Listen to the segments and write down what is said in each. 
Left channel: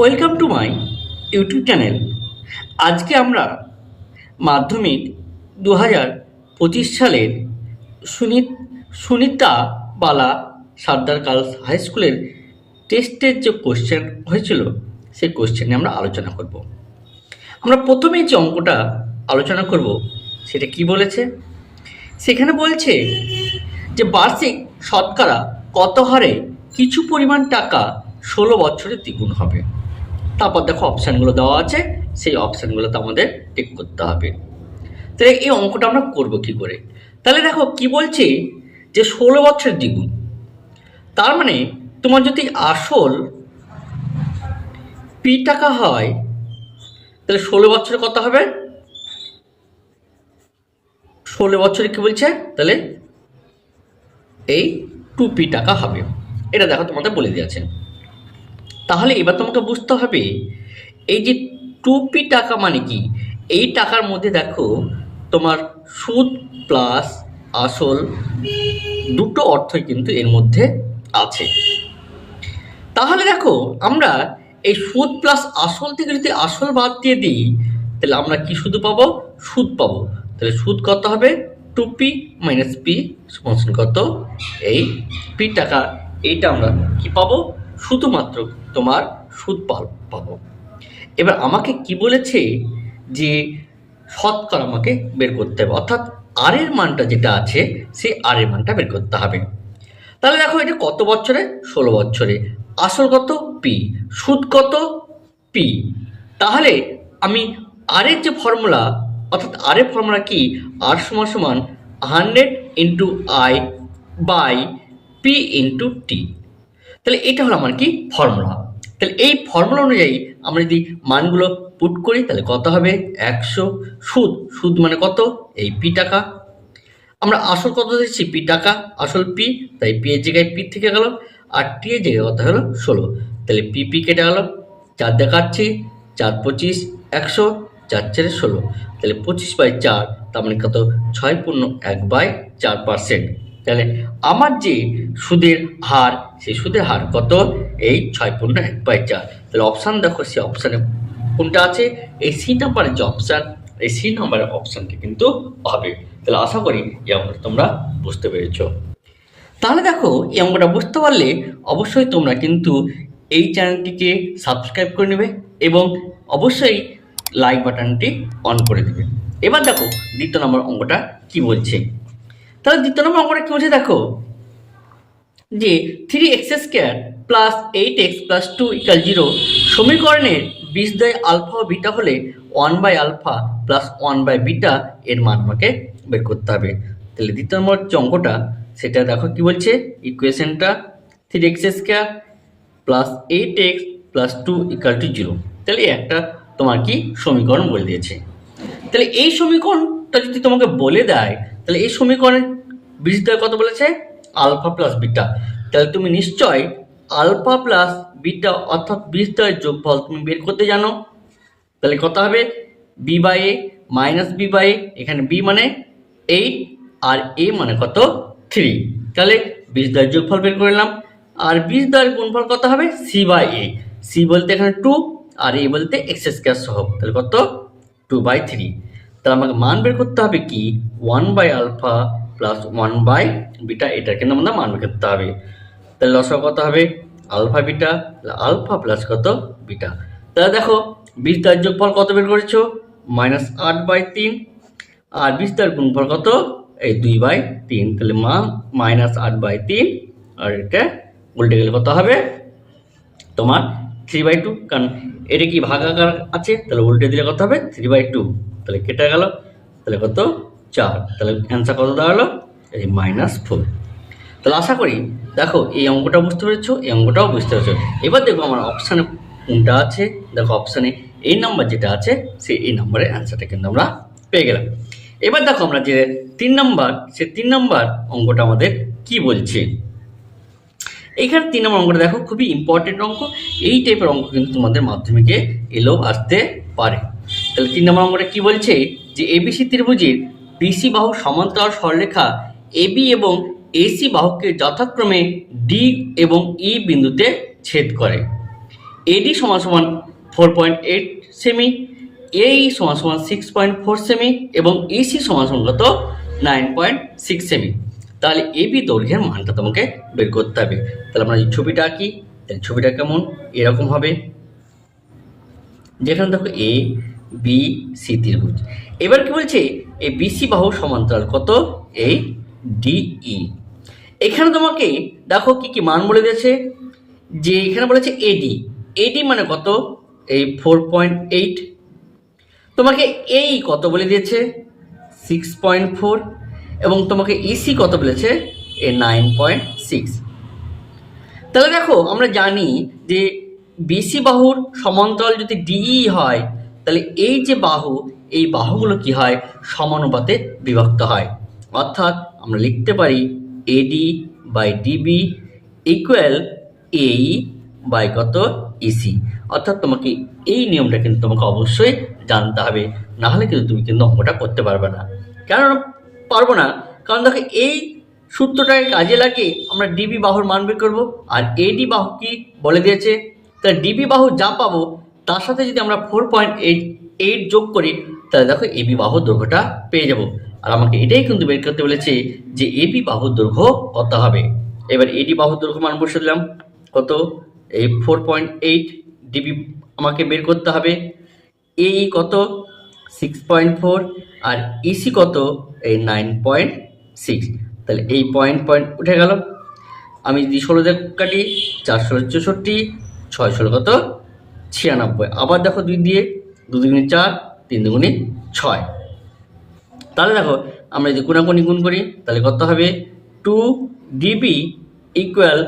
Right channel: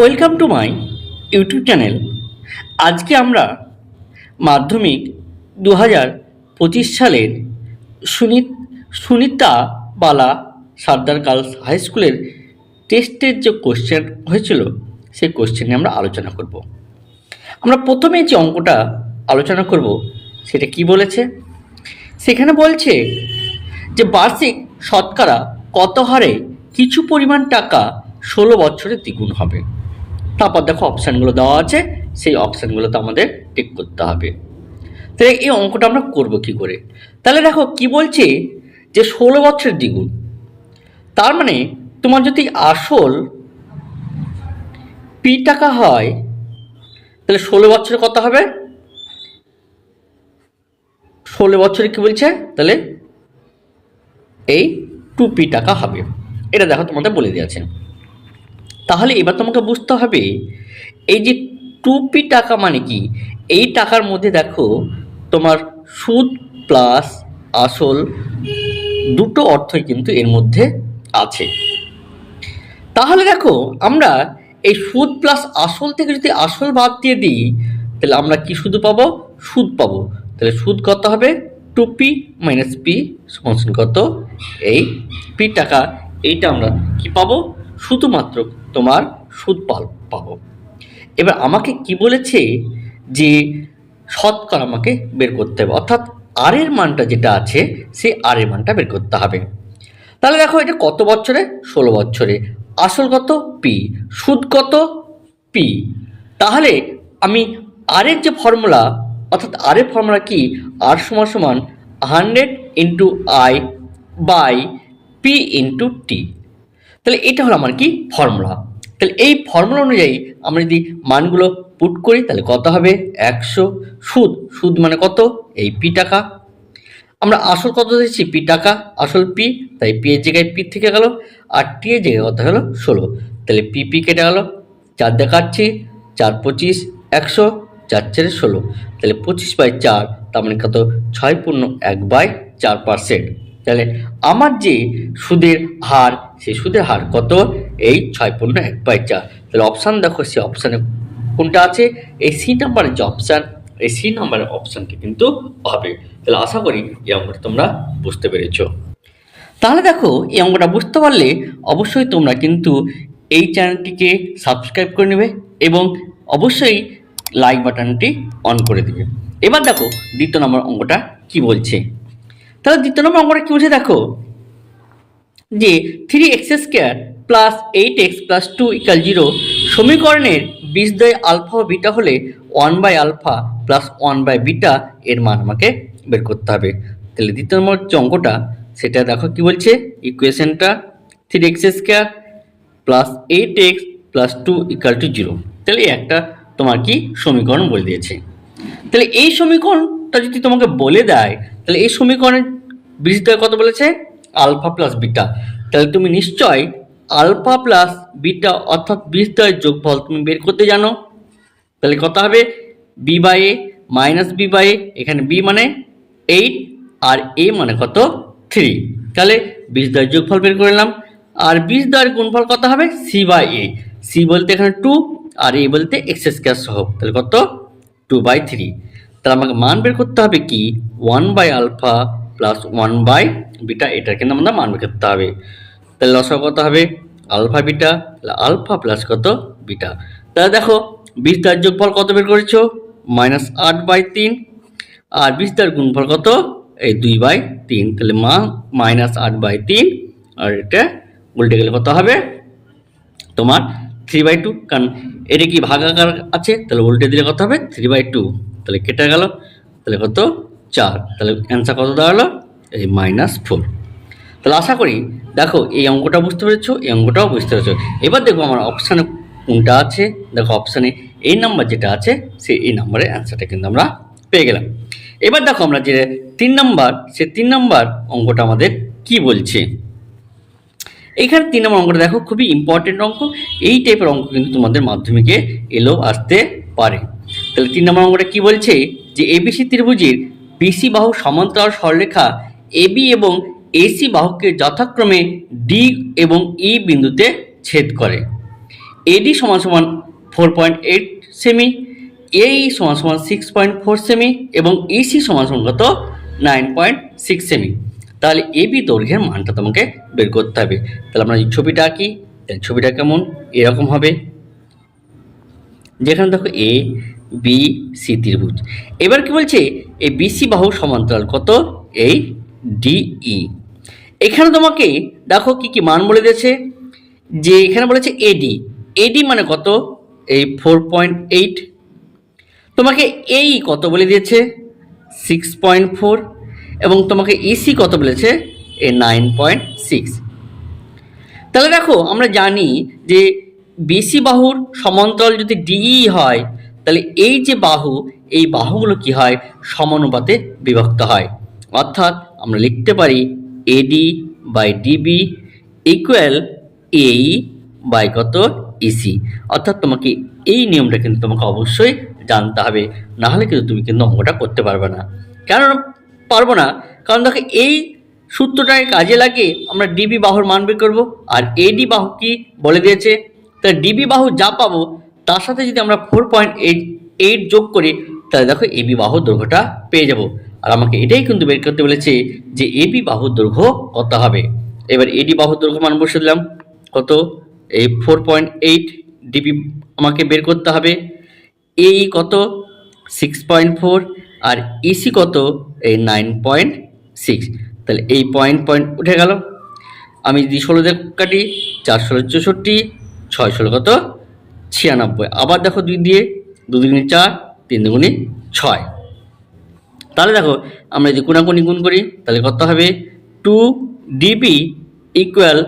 Welcome to my YouTube channel. আজকে আমরা মাধ্যমিক 2025 সালের সুনিতা বালা সর্দার গার্লস হাই স্কুলের টেস্টের যে কোশ্চেন হয়েছিল সেই কোশ্চেন নিয়ে আমরা আলোচনা করব। আমরা প্রথমে যে অঙ্কটা আলোচনা করব সেটা কি বলেছে, সেখানে বলছে যে বার্ষিক শতকরা কত হারে কিছু পরিমাণ টাকা 16 বছরে দ্বিগুণ হবে। তারপর দেখো অপশানগুলো দেওয়া আছে, সেই অপশানগুলোতে আমাদের টিক করতে হবে। তাহলে এই অঙ্কটা আমরা করব কি করে? তাহলে দেখো কি বলছে যে 16 বছরের দ্বিগুণ, তার মানে তোমার যদি আসল পি টাকা হয় তাহলে 16 বছরে কত হবে? 16 বছরে কি বলছে, তাহলে এই 2p টাকা হবে। এটা দেখো তোমাদের বলে দিয়েছেন। তাহলে এবার তোমাকে বুঝতে হবে এই যে 2p টাকা মানে কি। এই টাকার মধ্যে দেখো তোমার সুদ প্লাস আসল দুটো অর্থই কিন্তু এর মধ্যে আছে। তাহলে দেখো আমরা এই সুদ প্লাস আসল থেকে যদি আসল বাদ দিয়ে দিই তাহলে আমরা কি শুধু পাবো? সুদ পাবো। তাহলে সুদ কত হবে? 2p মাইনাস পি সমান কত? এই পি টাকা। এইটা আমরা কি পাবো? শুধুমাত্র তোমার সুদ পাবো। এবার আমাকে কি বলেছে যে শতকরা আমাকে বের করতে হবে, অর্থাৎ আর এর মানটা যেটা আছে সেই আর এর মানটা বের করতে হবে। তাহলে দেখো এটা কত বছরে? 16 বছরে। আসল কত? পি। সুদ কত? পি। তাহলে আমি আর এর যে ফর্মুলা, অর্থাৎ আর এর ফর্মুলা কি? আর সমান সমান 100 into I by P into T. তাহলে এটা হলো আমার কি ফর্মুলা। তাহলে এই ফর্মুলা অনুযায়ী আমরা যদি মানগুলো পুট করি তাহলে কত হবে? 100। সুদ মানে কত? এই পি টাকা। আমরা আসল কত দিচ্ছি? পি টাকা, আসল পি, তাই পি এর জায়গায় পি থেকে গেল, আর টি এর জায়গায় কত হলো? 16। তাহলে পি কেটে গেল, 4 দেখাচ্ছি, 4 25 100, 4 4 16। তাহলে 25/4, তার মানে কত? 6.1/4%। তাহলে আমার যে সুদের হার, সেই সুদের হার কত? এই 6.1/4। তাহলে অপশান দেখো, সেই অপশানে কোনটা আছে? এই সি নাম্বারের যে অপশান, এই সি নাম্বারের অপশানটি কিন্তু হবে। তাহলে আশা করি এই অঙ্কটা তোমরা বুঝতে পেরেছ। তাহলে দেখো এই অঙ্কটা বুঝতে পারলে অবশ্যই তোমরা কিন্তু এই চ্যানেলটিকে সাবস্ক্রাইব করে নেবে এবং অবশ্যই লাইক বাটনটি অন করে দেবে। এবার দেখো দ্বিতীয় নম্বর অঙ্কটা কি বলছে। তাহলে দ্বিতীয় নম্বর অঙ্কটা কি বলছে দেখো, যে 3x² প্লাস 8x প্লাস 2 = 0 সমীকরণের বীজদ্বয় আলফা ও বিটা হলে 1/α প্লাস 1/β এর মান আমাকে বের করতে হবে। তাহলে দ্বিতীয় নম্বর যে অঙ্কটা সেটা দেখো কি বলছে, ইকুয়েশনটা 3x² প্লাস 8x প্লাস 2 = 0। তাহলে একটা তোমার কি সমীকরণ বলে দিয়েছে। তাহলে এই সমীকরণটা যদি তোমাকে বলে দেয় তাহলে এই সমীকরণের বীজদ্বয় কত বলেছে? Alpha plus beta. তাহলে তুমি নিশ্চয় আলফা প্লাস বিটা অর্থাৎ বীজদ্বয়ের যোগফল তুমি বের করতে জানো। তাহলে কত হবে? B by A minus B by A, এখানে বি মানে 8 আর এ মানে কত? 3। তাহলে বীজদ্বয়ের যোগফল বের করে নিলাম। আর বীজদ্বয়ের গুণফল কত হবে? C by A. সি বলতে এখানে 2 আর এ বলতে x² সহ, তাহলে কত? 2/3। তাহলে আমাকে মান বের করতে হবে কি? 1/α প্লাস 1/β, এটা কিন্তু আমাদের মান বের করতে হবে। তাহলে লসাগু কত হবে? আলফা বিটা, তাহলে আলফা প্লাস কত? বিটা। তাহলে দেখো বীজদ্বয়ের যোগফল কত বের করেছো? -8/3। আর বীজদ্বয়ের গুণফল কত? এই 2/3। তাহলে -8/3, আর এটা উল্টে গেলে কত হবে? তোমার 3/2, কারণ এটা কি ভাগাকার আছে, তাহলে উল্টে দিলে কত হবে? 3/2। তাহলে কেটে গেল, তাহলে কত? 4। তাহলে অ্যান্সার কত দাঁড়ালো? এই -4। তাহলে আশা করি দেখো এই অঙ্কটা বুঝতে পেরেছো, এই অঙ্কটাও বুঝতে পেরেছো। এবার দেখো আমার অপশানে কোনটা আছে। দেখো অপশানে এই নাম্বার যেটা আছে সেই এই নাম্বারের অ্যান্সারটা কিন্তু আমরা পেয়ে গেলাম। এবার দেখো আমরা যে 3 নাম্বার, সে 3 নাম্বার অঙ্কটা আমাদের কি বলছে। এখানে 3 নম্বর অঙ্কটা দেখো, খুবই ইম্পর্টেন্ট অঙ্ক। এই টাইপের অঙ্ক কিন্তু তোমাদের মাধ্যমিকে এলেও আসতে পারে। তাহলে 3 নম্বর অঙ্কটা কি বলছে, যে এবিসি ত্রিভুজের বিসি বাহু সমান্তরাল সরলরেখা এবি এবং এসি বাহুকে যথাক্রমে ডি এবং ই বিন্দুতে ছেদ করে। এডি সমান সমান 4.8 সেমি, এই সমান সমান 6.4 সেমি এবং ইসি সমান সমান কত 9.6 সেমি। তাহলে এবি দৈর্ঘ্যের মানটা তোমাকে বের করতে হবে। তাহলে আমরা এই ছবিটা আঁকি, তাহলে ছবিটা কেমন এরকম হবে, যেখানে দেখো এ বি সি ত্রিভুজ। এবার কি বলছে, এই বিসি বাহুর সমান্তরাল কত এই ডিই। এখানে তোমাকে দেখো কি কি মান বলে দিয়েছে, যে এখানে বলেছে এডি, এডি মানে কত এই 4.8, তোমাকে এই কত বলে দিয়েছে 6.4 এবং তোমাকে ইসি কত বলেছে এই 9.6। তাহলে দেখো আমরা জানি যে বিসি বাহুর সমান্তরাল যদি ডিই হয়, তাহলে এই যে বাহু, এই বাহুগুলো কি হয় সমানুপাতে বিভক্ত হয়। অর্থাৎ আমরা লিখতে পারি এডি বাই ডিবি ইকুয়াল এই বাই কত ইসি। অর্থাৎ তোমাকে এই নিয়মটা কিন্তু তোমাকে অবশ্যই জানতে হবে, না হলে কিন্তু তুমি কিন্তু অঙ্কটা করতে পারবে না। কেন পারবো না? কারণ দেখো এই সূত্রটাকে কাজে লাগিয়ে আমরা ডিবি বাহুর মান বের করবো, আর এডি বাহু কি বলে দিয়েছে, তাহলে ডিবি বাহু যা পাবো তার সাথে যদি আমরা 4.8 যোগ করি, তাহলে দেখো এবি বাহুর দৈর্ঘ্যটা পেয়ে যাব। আর আমাকে এটাই কিন্তু বের করতে বলেছে যে এবি বাহুর দৈর্ঘ্য কত হবে। এবার এডি বাহুর দৈর্ঘ্য মান বসে দিলাম কত এই 4.8, ডিবি আমাকে বের করতে হবে, এই কত 6.4 আর ইসি কত এই 9.6। তাহলে এই পয়েন্ট পয়েন্ট উঠে গেল। আমি যদি 16 দিয়ে কাটি, 4 16 64, 6 16 কত 96। আবার দেখো 2 দিয়ে, 2 দুগুণে 4, 3 দুগুণে 6। তাহলে দেখো আমরা যদি কোনাকুনি গুণ করি, তাহলে কত হবে 2 ডিবি ইকুয়াল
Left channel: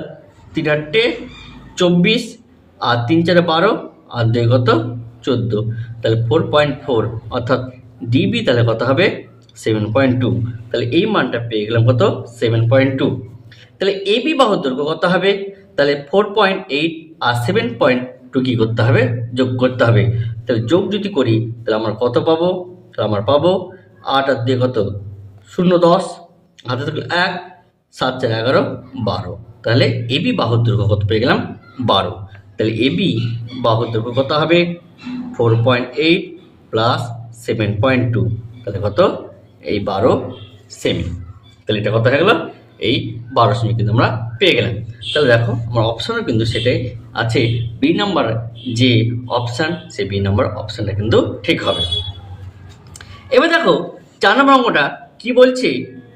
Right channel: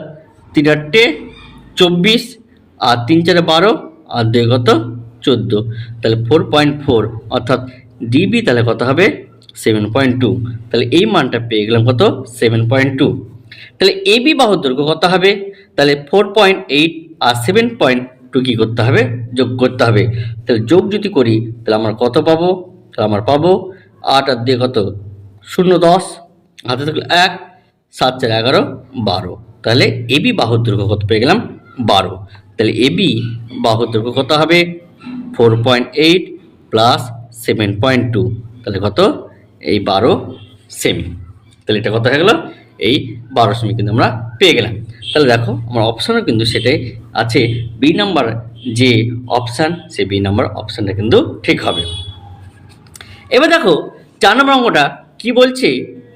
3 8 24 আর 3 4 12 আর 2 কত 14। তাহলে 4.4 অর্থাৎ ডিবি তাহলে কত হবে 7.2। তাহলে এই মানটা পেয়ে গেলাম কত 7.2। তাহলে এবি বাহুর দৈর্ঘ্য কত হবে, তাহলে 4.8 আর 7.2 কি করতে হবে যোগ করতে হবে। তাহলে যোগ যদি করি তাহলে আমরা কত পাবো, তাহলে আমরা পাবো 8 আর 2 কত 0 10, হাতে থাকলো 1, 7 4 11 12। তাহলে এবি বাহুর দৈর্ঘ্য কত পেয়ে গেলাম 12। তাহলে এবি বাহুর দৈর্ঘ্য কত হবে 4.8 প্লাস 7.2, তাহলে কত এই 12 সেমি। তাহলে এটা কত হয়ে গেল এই 12 সেমি কিন্তু আমরা পেয়ে গেলাম। তাহলে দেখো আমার অপশানও কিন্তু সেটাই আছে, বি নাম্বার যে অপশান, সেই বি নাম্বার অপশানটা কিন্তু ঠিক হবে। এবার দেখো 4 নম্বর অঙ্কটা কি বলছে,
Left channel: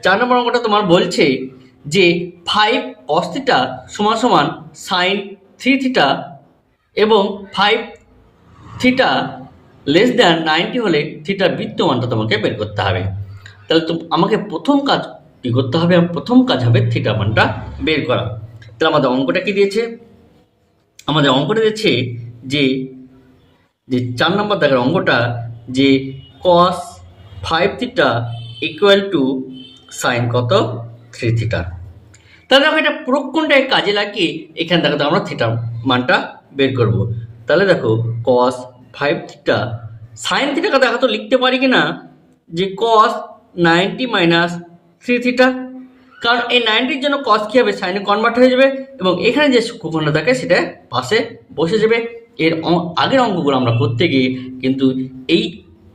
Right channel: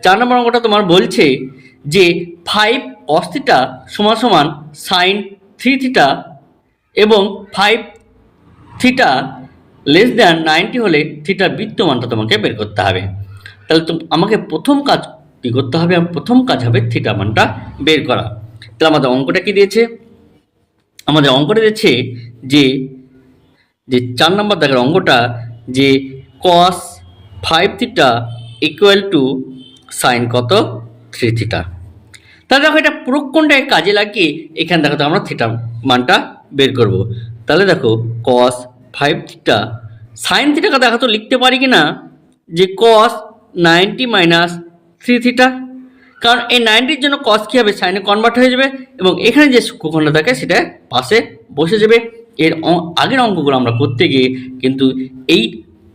4 নম্বর অঙ্কটা তোমার বলছে যে 5 cos থিটা সমান সমান sin 3 থিটা এবং 5 থিটা লেস দ্যান 90 হলে থিটার বৃত্তমানটা তোমাকে বের করতে হবে। তাহলে আমাকে প্রথম কাজ কি করতে হবে, প্রথম কাজ হবে থিটা মানটা বের করা। তাহলে আমাদের অঙ্কটা কি দিয়েছে, আমাদের অঙ্কটা দিয়েছে যে 4 নম্বর দেখার অঙ্কটা যে cos 5 থিটা ইকুয়াল টু সাইন কত 3 থিটা। তাহলে দেখো এটা প্রকোণটাকে কাজে লাগিয়ে এখানে দেখো আমরা থিটা মানটা বের করব। তাহলে দেখো cos 5 থিটা সাইন থিটাকে দেখো তো লিখতে পারি কি না যে cos 90 মাইনাস 3 থিটা, কারণ এই 90-র জন্য cos কি হবে সাইনে কনভার্ট হয়ে যাবে এবং এখানে যে সূক্ষ্মকোণটা থাকে সেটা পাশে বসে যাবে। এর আগের অঙ্কগুলো আমরা করতে গিয়ে কিন্তু এই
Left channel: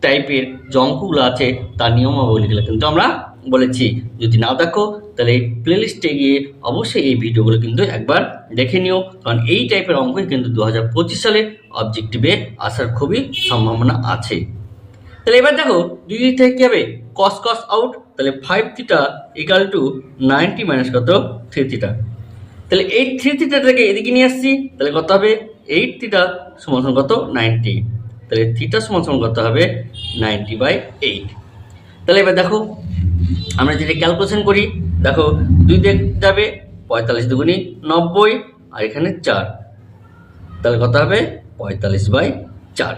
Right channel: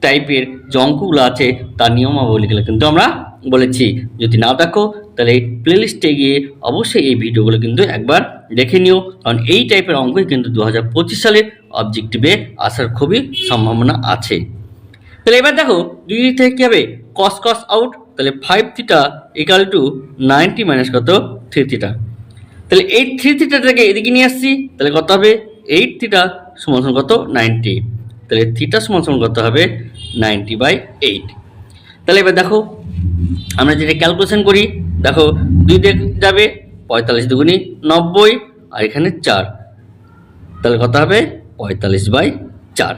টাইপের যে অঙ্কগুলো আছে তার নিয়মাবলীগুলো কিন্তু আমরা বলেছি। যদি না দেখো তাহলে প্লেলিস্টে গিয়ে অবশ্যই এই ভিডিওগুলো কিন্তু একবার দেখে নিও, কারণ এই টাইপের অঙ্কই কিন্তু 2025 সালে অবজেক্টিভে আসার খুবই সম্ভাবনা আছে। তাহলে এবার দেখো দুই দিক থেকে কি হবে cos cos আউট, তাহলে 5 থিটা ইকুয়াল টু 90 মাইনাস কত 3 থিটা। তাহলে এই 3 থিটাটাকে এদিকে নিয়ে আসছি, তাহলে কত হবে 8 থিটা সমান সমান কত 90। তাহলে থিটা সমান সমান কত হবে 90/8। তাহলে এবার দেখো আমরা যেটা ক্যালকুলেশন করি, দেখো 2 দিক যাবে 45 দুগুণি 90 আর এখানে 4, তাহলে কত হবে 45/4।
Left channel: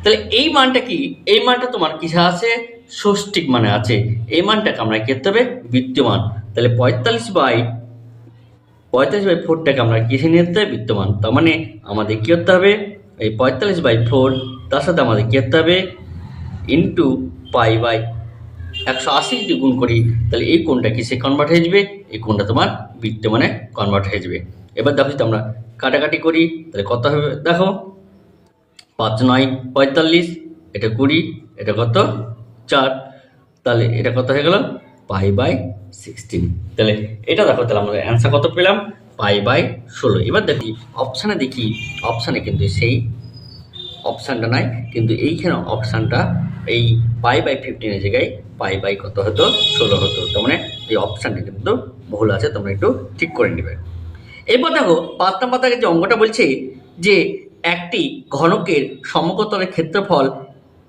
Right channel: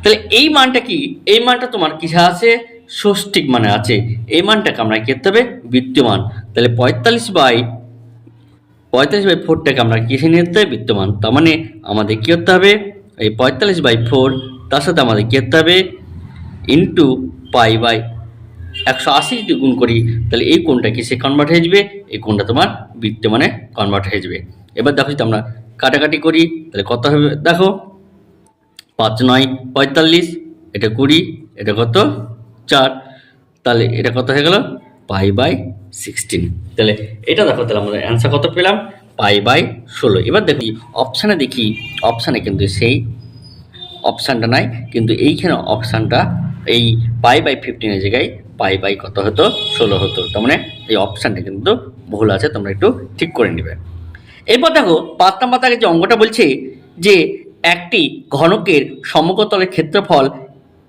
তাহলে এই মানটা কি, এই মানটা তোমার কিসে আছে ষষ্ঠিক মানে আছে, এই মানটাকে আমরা কি করতে হবে বৃত্তমান। তাহলে 45/4টাকে আমরা কিসে নিয়ে যেতে হবে বৃত্তমান। তার মানে আমাদের কি করতে হবে এই 45/4 তার সাথে আমাদের কি করতে হবে ইন্টু পাই 180 যদি গুণ করি তাহলে এই কোণটা কিসে কনভার্ট হয়ে যাবে, এই কোণটা তোমার বৃত্তমানে কনভার্ট হয়ে যাবে। এবার দেখো যদি আমরা কাটাকাটি করি, তাহলে কত হবে দেখো, 5 9 45, এটা 20, এটা কত 4, তাহলে এটা কত হয়ে গেল π/16। তাহলে এটা দেখো, তাহলে আমরা অ্যান্সার কত পেলাম, π/16। এবার দেখি অপশানে, দেখি অপশানে কিন্তু সেই অপশানটা নাই, কিন্তু এইখানে অপশানটা এই π/15 এর জায়গায় কত হতো, 16 হতো। তার মানে এই অপশানটা কিন্তু ভুল আছে, তোমরা একটু ঠিক করে নেবে। এরপর দেখো 5 নম্বর দাগে যে অঙ্কটা বলছে যে একটি ঘনকের সমকতলের ক্ষেত্রফল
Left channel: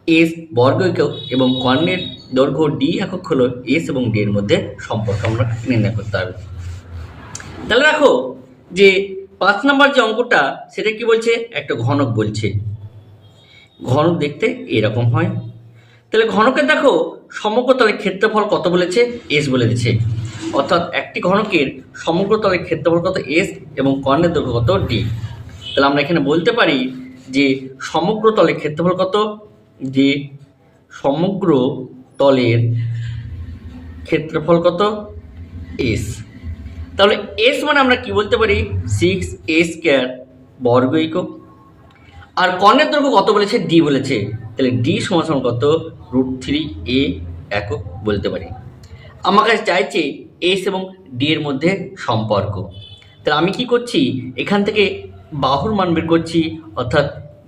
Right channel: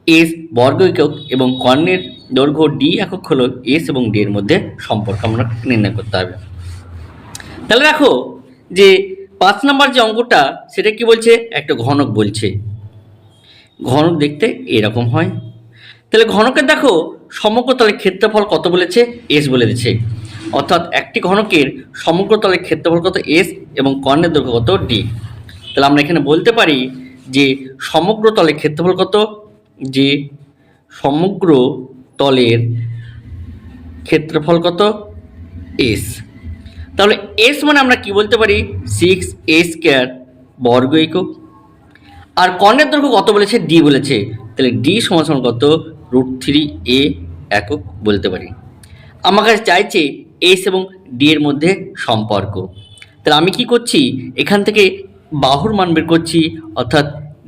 এস বর্গ একক এবং কর্ণের দৈর্ঘ্য ডি একক হলো এস এবং ডি এর মধ্যে সম্পর্ক আমরা নির্ণয় করতে হবে। তাহলে দেখো যে 5 নম্বর যে অঙ্কটা সেটা কি বলছে, একটা ঘনক বলছে, ঘনক দেখতে এরকম হয়। তাহলে ঘনকের দেখো সমগ্রতলের ক্ষেত্রফল কত বলেছে, এস বলে দিচ্ছে, অর্থাৎ একটি ঘনকের সমগ্রতলের ক্ষেত্রফল কত এস এবং কর্ণের দৈর্ঘ্য কত ডি। তাহলে আমরা এখানে বলতে পারি যে সমগ্র তলের ক্ষেত্রফল কত, যে সমগ্র তলের ক্ষেত্রফল কত এস। তাহলে এস মানে আমরা কি বলতে পারি 6a² বর্গ একক। আর কর্ণের দৈর্ঘ্য কত বলেছে, ডি বলেছে, তাহলে ডি সমান কত √3a একক বলতে পারি। আমার কাছে চাইছে এস এবং ডি এর মধ্যে সম্পর্ক। তাহলে আমি কি করছি, এখান থেকে বাহুর মান বের করছি, অর্থাৎ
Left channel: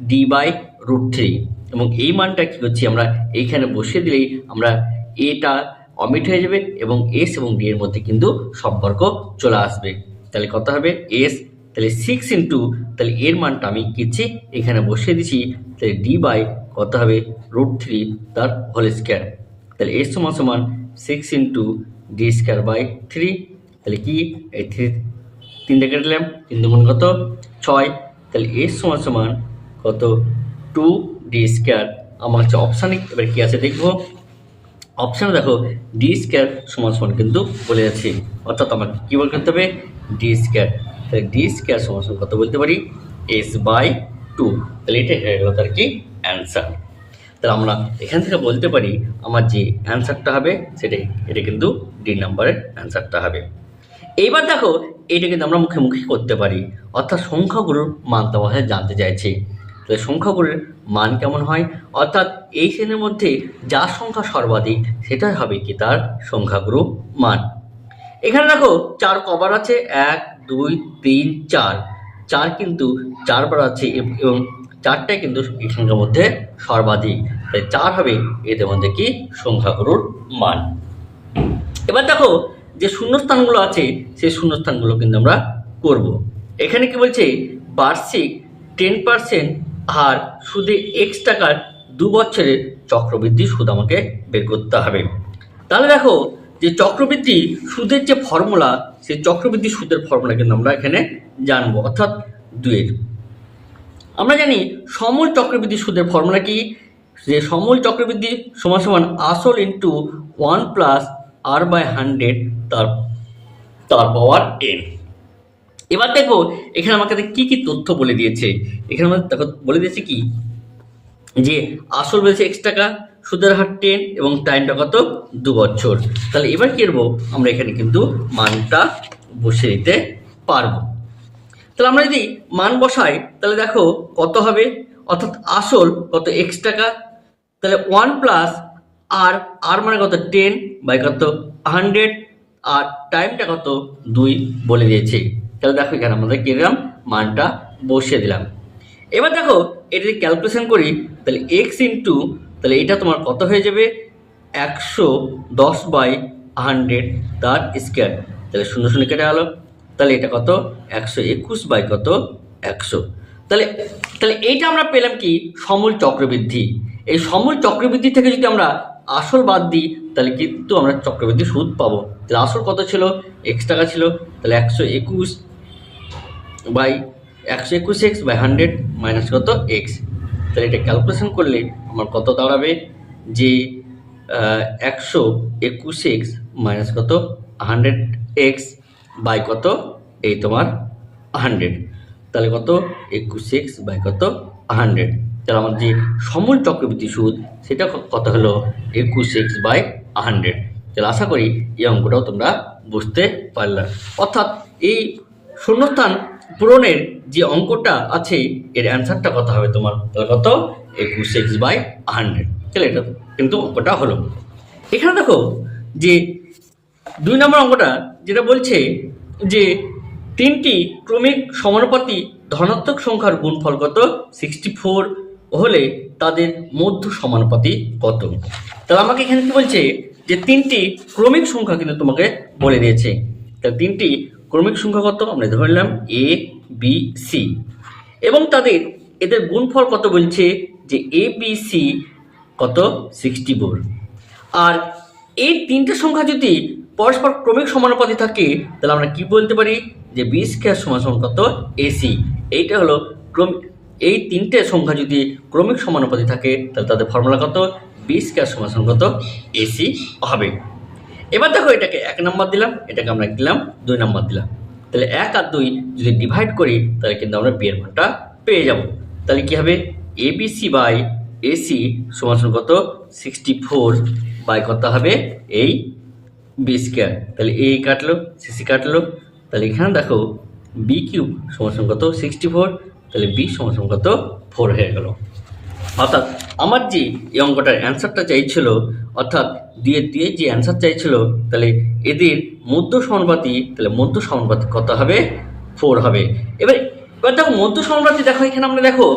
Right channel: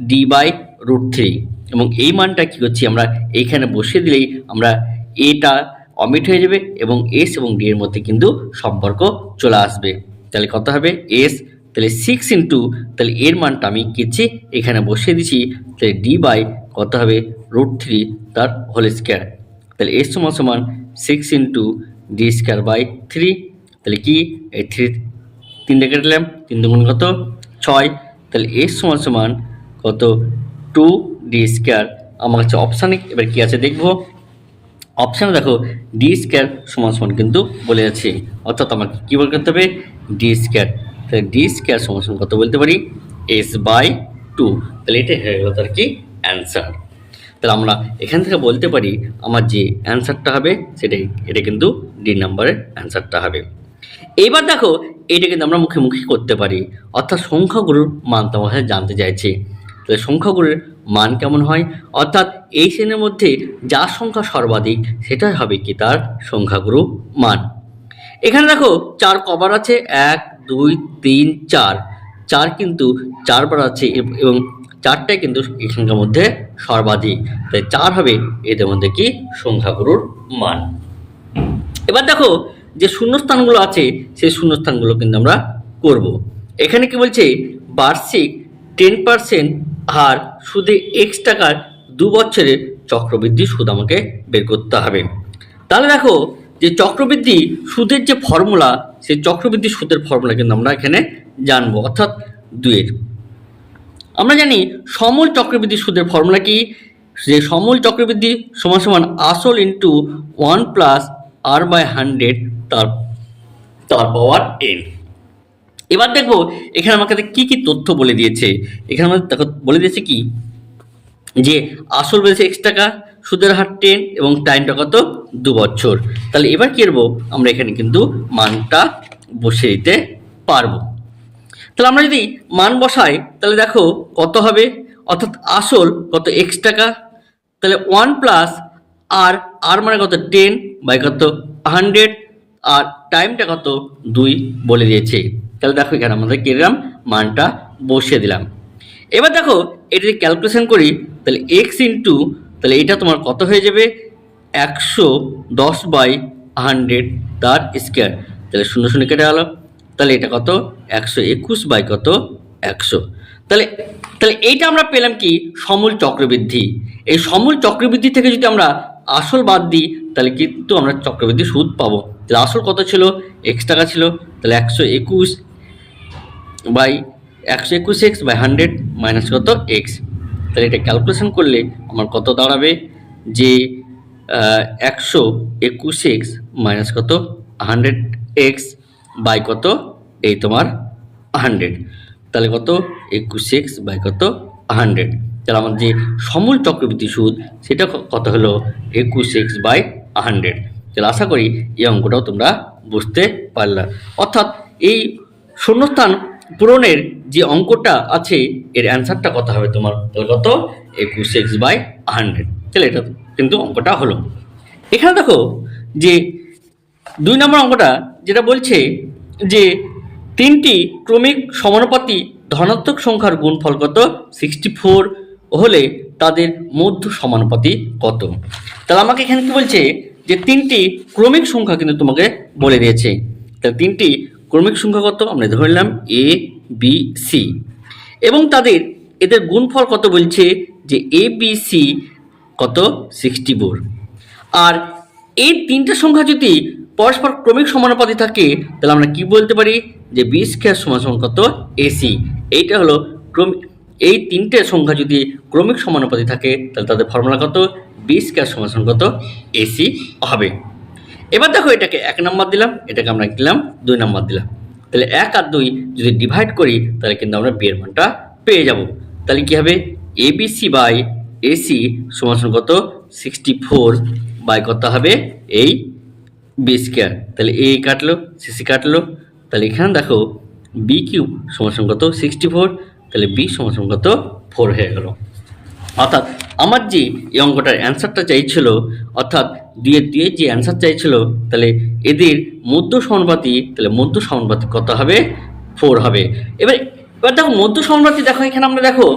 d/√3, এবং এই মানটা কি করছি আমরা এইখানে বসিয়ে দিলেই আমরা এটা অমিট হয়ে যাবে এবং এস এবং ডি এর মধ্যে কিন্তু সম্পর্ক চলে আসবে। তাহলে কত হবে এস, তাহলে 6 ইন্টু, তাহলে এর মানটা আমি কিচ্ছি এখানে বসিয়ে দিচ্ছি, তাহলে d/ কত হবে √3 তার হোল স্কোয়ার। তাহলে এস সমান 6 ইন্টু d²/3, তাহলে কি এই 3 কেটে দিলাম, 3 দুগুণ কত 6, তাহলে এস সমান কত 2d²। আমার হচ্ছে অপশানে এবার কি আছে দেখবো, অপশানে দেখো d² সমান কিন্তু বলে যাচ্ছে, অর্থাৎ আমাকে কি বল করতে হবে d²। তাহলে d² সমান কত বলতে পারি s/2। তাহলে এটা হয়ে গেল তার কি অ্যান্সার। তাহলে আমরা এখান থেকে বলতে পারি আমার যে অ্যান্সারটা হবে সেটাই, এটা কিন্তু ডি নাম্বারের অ্যান্সারটা হবে। এইবার দেখো এটা কিন্তু আমরা মুখে মুখে করতে পারি, অর্থাৎ সংখ্যাগুলোর মান তোমাদের জানতে চাইছে। তাহলে সংখ্যাগুলোর মান কেমন হয়, অর্থাৎ এই শ্রেণীর মধ্যে যার সংখ্যা সর্বাধিক সেটাই হবে কি তার সংখ্যাগুরু মান। এখানে দেখো 4 কবার আছে, 1 2 3 4, 4 কিন্তু 4 বার আছে এবং 4টাই কিন্তু এখানকার মধ্যে সর্বাধিক, তাই 4 হবে এদের মধ্যে কি সংখ্যাগুরুর মান। এবার দেখো যে শূন্যস্থানগুলো আছে সেই শূন্যস্থানগুলো কিন্তু আমরা করব। এখানে কি বলছে বার্ষিক 10% হার সুদে x টাকার 2 বছরের চক্রবৃদ্ধি সুদ আমাকে বের করতে হবে। তাহলে দেখো যে চক্রবৃদ্ধি সুদের যে ফর্মুলা, সেই চক্রবৃদ্ধি সুদের ফর্মুলা কিন্তু আমরা এখানে জানবো, অর্থাৎ 2 আমরা জানি সমূল চক্রবৃদ্ধি সুদের ফর্মুলা কি, যে সমূল চক্রবৃদ্ধি সমান আসল ইন্টু 1 প্লাস r/100 তার পাওয়ার n। এবার দেখো এখানে আমাকে কি কি তথ্য বলে দিয়েছে, এখানে আমাদের দেখো বলে দিয়েছে কি যে আসল বলেছে x টাকা, সুদের হার 10 এবং টাইমটা কত 2 বছর। তাহলে এবার কি করবো আমরা এখানে কিন্তু মানটা বসিয়ে দিতে পারবো। তাহলে আমরা যদি মান বসাই তাহলে দেখো কত হবে, অর্থাৎ আসল কত x টাকা, তাহলে 1 প্লাস আর মানে কত 10 বাই কত 100, আর টাইমটা কত 2 বলে দিয়েছে। তাহলে দেখো এখানে আমাদের কি দিলাম মানটা বসিয়ে দিলাম। এবার দেখো এটা যদি ক্যালকুলেশন করি তাহলে x ইন্টু, তাহলে এটা তোমার কত হয়ে যাবে 110/100 তার স্কোয়ার, তাহলে 0 0 কেটে গেল, তাহলে এটা কত 121 বাই কত 100। তাহলে এইটা আমরা পেলাম কি সমূল চক্রবৃদ্ধি। এই সমূল চক্রবৃদ্ধি থেকে যদি আমরা আসল বাদ দিই তাহলে কিন্তু আমরা চক্রবৃদ্ধি সুদ পাবো। তাহলে আসল কত ছিল x টাকা ছিল, তাহলে 121/100 মাইনাস কত x। তাহলে এটা ক্যালকুলেশন করলে আমার কত দাঁড়াবে যে 121x মাইনাস কত 100x বাই কত এই তোমার 100, তাহলে কত 21x বাই কত 100। তাহলে আমার যে সমূল চক্রবৃদ্ধি সুদ সেটা কত হলো 21x/100। তাহলে আশা করি এই অঙ্কটাও তোমরা বুঝতে পারলে। অর্থাৎ এই শূন্যস্থান পূরণের যে অঙ্কটা আছে এর অ্যান্সারটা কত হবে তোমার, তাহলে কত 21x/100। তাহলে এটা কিন্তু অঙ্কটা হলো। এখানে দেখো যে 2 নম্বর অঙ্কটা যেটা বলছে যে 3টি ক্রমিক সমানুপাতি ধনাত্মক সংখ্যার গুণফল কত 64 হলে তাদের মধ্য সমানুপাতি কত। তাহলে আমাকে এখানে কি বলছে যে 3টি ক্রমিক সংখ্যা কিন্তু তোমাকে বলে দিয়েছে। তাহলে 3টি ক্রমিক সংখ্যা কত আমরা ধরে নিলাম এ বি সি, এবং এদের গুণফল কত বলছে যে এ বি সি কত 64। আর এই 3টে সংখ্যা যদি পরস্পর ক্রমিক সমানুপাতি থাকে তাহলে আমরা কি বলতে পারি যে বি স্কয়ার সমান কত এসি। এইটা হলো এই 3টে সংখ্যা যদি ক্রমিক সমানুপাতি থাকে তাহলে তাদের ফর্মুলা কত বি স্কয়ার সমান কত এসি হবে। এবার দেখো এটাকে 1 নম্বর দিলাম, এটাকে আমরা দিলাম 2 নম্বর দিলাম। তাহলে 1 আর 2 যদি ডিভাইড করি তাহলে কিন্তু আমরা বি এর মানটা পেয়ে যাব। তাহলে কি হবে এবিসি বাই এসি সমান কত 64 বাই কত হবে এই বি স্কয়ার। তাহলে এ কাটলো সিসি কাটলো, তাহলে এখানে দেখো বি কিউব সমান কত 64, তাহলে বি সমান কত 4 হয়ে গেল। অর্থাৎ আমার যে এই অঙ্কটার অ্যান্সারটা চাইছিল, অর্থাৎ দিয়ে যে অ্যান্সার চাইছিল, তাহলে এদের মধ্য সমানুপাতি, তাহলে মধ্য সমানুপাতি কত হবে 4 হবে। এবার দেখো মধ্য সমানুপাতি, দেখো এখানে আমরা দেখো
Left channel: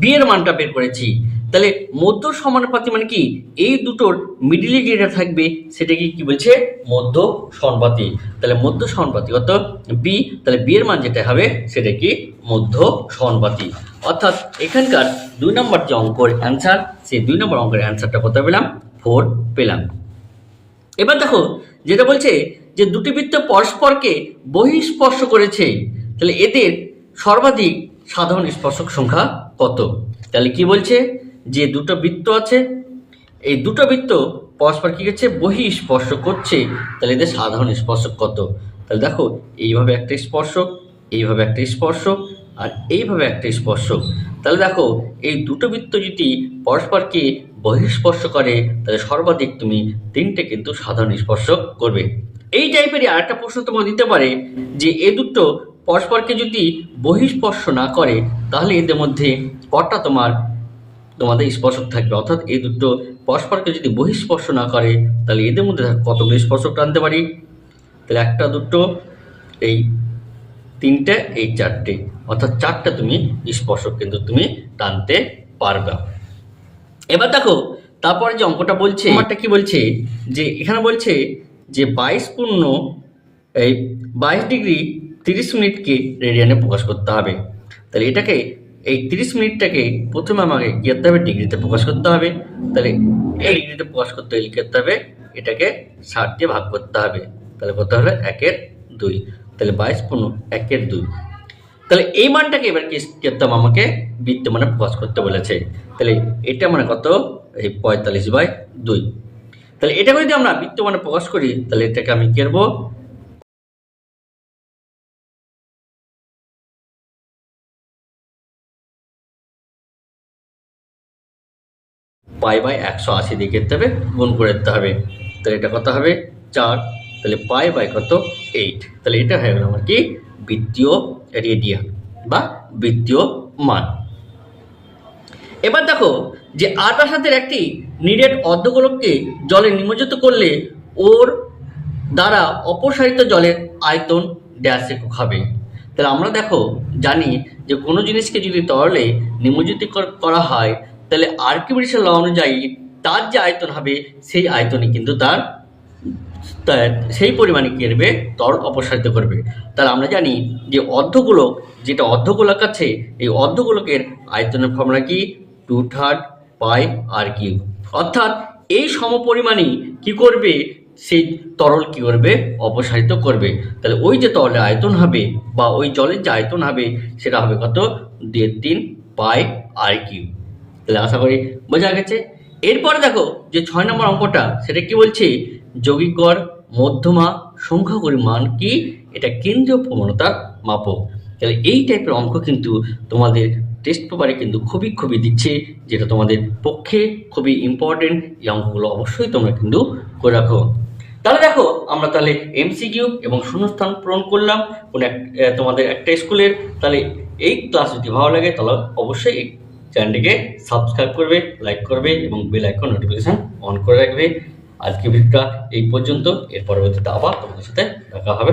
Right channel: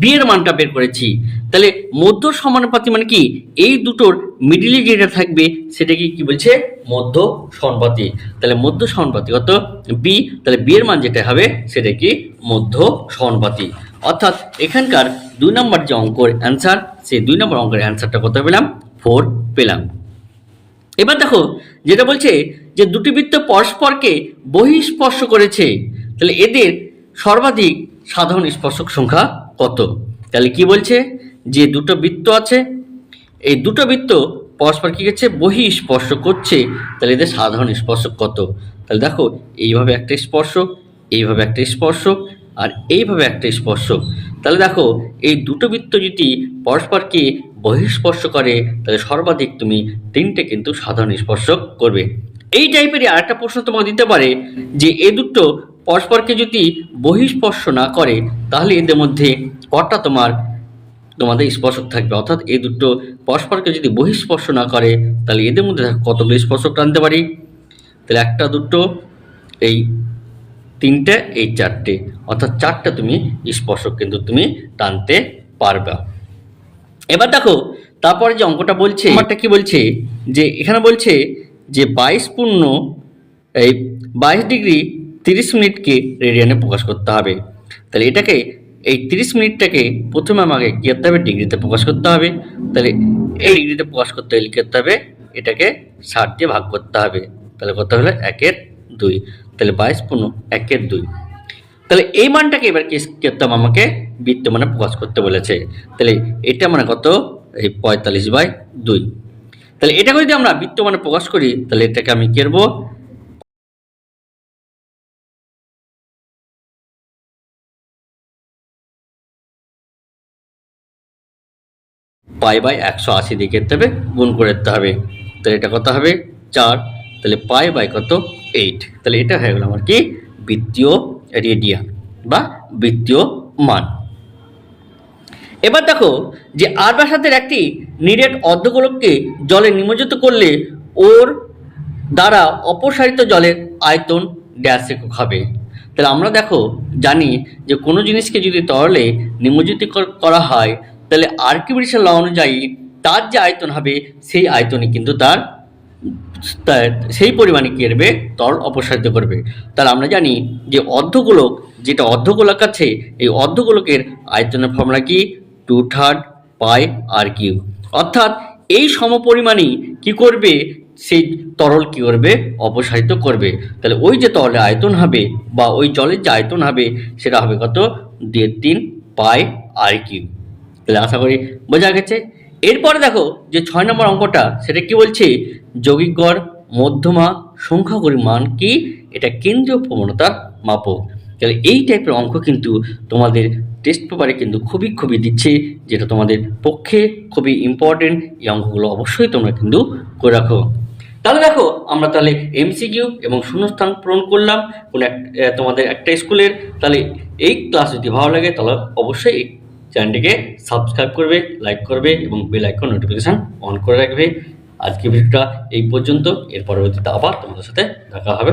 বি এর মানটা বের করেছি। তাহলে মধ্য সমানুপাতি মানে কি এই দুটোর মিডিলে যেটা থাকবে সেটাকে কি বলছে মধ্য সমানুপাতি। তাহলে মধ্য সমানুপাতি কত বি, তাহলে বি এর মান যেটা হবে সেটা কি মধ্য সমানুপাতি। অর্থাৎ এখানকার 2 নম্বর যে অঙ্কের অ্যান্সার, সেই 2 নম্বর অঙ্কের অ্যান্সারটা কত পেলাম 4 পেলাম। এবার দেখো যেটা বলছে যে দুটি বৃত্ত পরস্পরকে বহিঃস্পর্শ করেছে, তাহলে এদের সর্বাধিক সাধারণ স্পর্শক সংখ্যা কত। তাহলে কি বলছে যে দুটো বৃত্ত আছে, এই দুটো বৃত্ত পরস্পর কি করছে বহিঃস্পর্শ করছে, তাহলে এদের সাধারণ স্পর্শক কত। তাহলে দেখো এইভাবে একটা স্পর্শক, এইভাবে একটা স্পর্শক, আর এইভাবে একটা স্পর্শক। তাহলে দেখো এই দুটো বৃত্ত যদি পরস্পরকে বহিঃস্পর্শ করে তাহলে সর্বাধিক তুমি 3টে কিন্তু সাধারণ স্পর্শক করবে। এই টাইপেরই আরেকটা প্রশ্ন তোমাকে দিতে পারে যে এই দুটো পরস্পরকে যদি বহিঃস্পর্শ না করে তাহলে এদের মধ্যে কটা তোমাদের স্পর্শক থাকবে। অর্থাৎ এই দুটো পরস্পরকে যদি বহিঃস্পর্শ না করে তাহলে এদের মধ্যে কতগুলো স্পর্শক টানতে পারি। তাহলে একটা, দুটো, এই 3টে, এই 4টে, অর্থাৎ 4টে তুমি স্পর্শক কিন্তু তুমি টানতে পারবে। এবার দেখো তারপরে যে অঙ্কটা বলছে, অঙ্কটা কি বলছে যে এখানে বলছে যে 22 ডিগ্রি 30 মিনিটকে রেডিয়ানে প্রকাশ করতে হবে। তাহলে এটাকে এই 30 মিনিটটাকে প্রথমে আমাকে কি করতে হবে ডিগ্রিতে প্রকাশ করতে হবে। তাহলে এই ডিগ্রিতে প্রকাশ করতে হলে লিখতে হবে এটাকে 60 দিয়ে ভাগ করতে হবে। তাহলে কত হলো 1/2, তাহলে 22 × 1/2। তাহলে এই মানটাকে এবার কি করতে হবে আমাকে বৃত্ত মানে প্রকাশ করতে বলেছে। তাহলে এটা মানে কত এই 45/2। তাহলে এটাকে যদি আমরা বৃত্ত মানে প্রকাশ করি তাহলে এটাকে আমি কি করব π/180 দিয়ে করতে হবে, গুণ করে দিতে হবে। তাহলে এটা কত হবে 4, তাহলে π/কত 8। তাহলে এটা হয়ে গেল আমার কি বৃত্তীয় রেডিয়ান বা বৃত্তীয় মান। এবার দেখো যে আর ব্যাসার্ধের একটি নিরেট অর্ধগোলককে জলে নিমজ্জিত করলে ওর দ্বারা অপসারিত জলের আয়তন ড্যাশ একক হবে। তাহলে আমরা দেখো জানি যে কোনো জিনিসকে যদি তরলে নিমজ্জিত করা হয় তাহলে আর্কিমিডিসের ল অনুযায়ী তার যে আয়তন হবে সেই আয়তনে কিন্তু তার সেই পরিমাণে কি করবে তরল অপসারিত করবে। তাহলে আমরা জানি যে অর্ধগোলক, যেটা অর্ধগোলক আছে এই অর্ধগোলকের আয়তনের ফর্মুলা কি 2/3 πr3। অর্থাৎ এই সমপরিমাণই কি করবে সেই তরল কি করবে অপসারিত করবে। তাহলে ওই যে তরলের আয়তন হবে বা ওই জলের যে আয়তন হবে সেটা হবে কত 3.5 πr3। তাহলে আশা করি বোঝা গেছে। এরপরে দেখো যে 6 নম্বর অঙ্কটা সেটা কি বলছে যৌগিক গড় মধ্যমা সংখ্যাগুলির মান কি, এটা কেন্দ্রীয় প্রবণতার মাপক। তাহলে এই টাইপের অঙ্ক কিন্তু তোমাদের টেস্ট পেপারে কিন্তু খুবই দিচ্ছে, যেটা তোমাদের পক্ষে খুবই ইম্পর্টেন্ট। এই অঙ্কগুলো অবশ্যই তোমরা কিন্তু করে রাখো। তাহলে দেখো আমরা তাহলে এমসিকিউ এবং শূন্যস্থান পূরণ করলাম তোমাদের একটা স্কুলের। তাহলে এই ক্লাস যদি ভালো লাগে তাহলে অবশ্যই এই চ্যানেলটিকে সাবস্ক্রাইব করবে, লাইক করবে এবং বেল আইকন নোটিফিকেশান অন করে রাখবে। আজকে ভিডিওটা এই পর্যন্ত, এর পরবর্তীতে আবার তোমাদের সাথে দেখা হবে।